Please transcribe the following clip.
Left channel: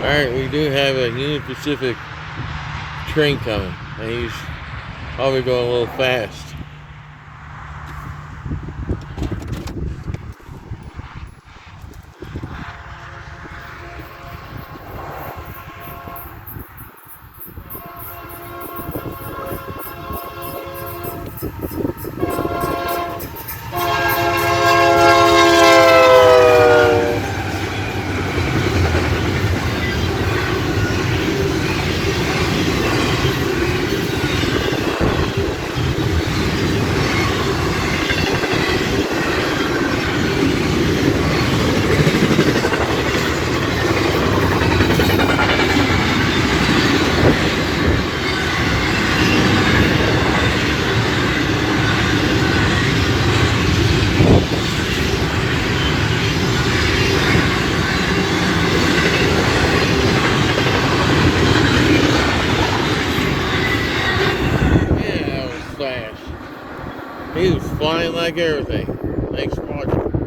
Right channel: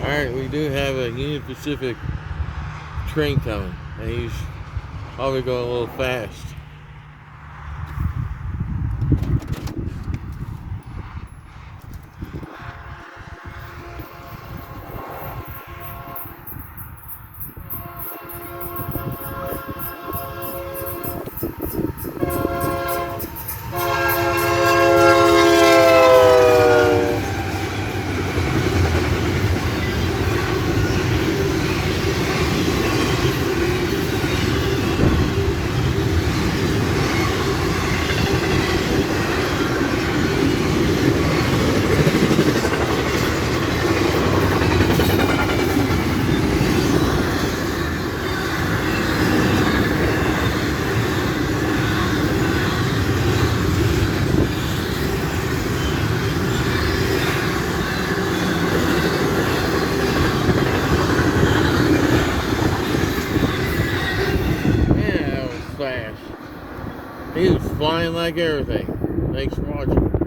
Alright, we do have a Union Pacific train coming, and he's probably going a little fast. Yeah, that was fast. He was flying like everything. Thanks for watching.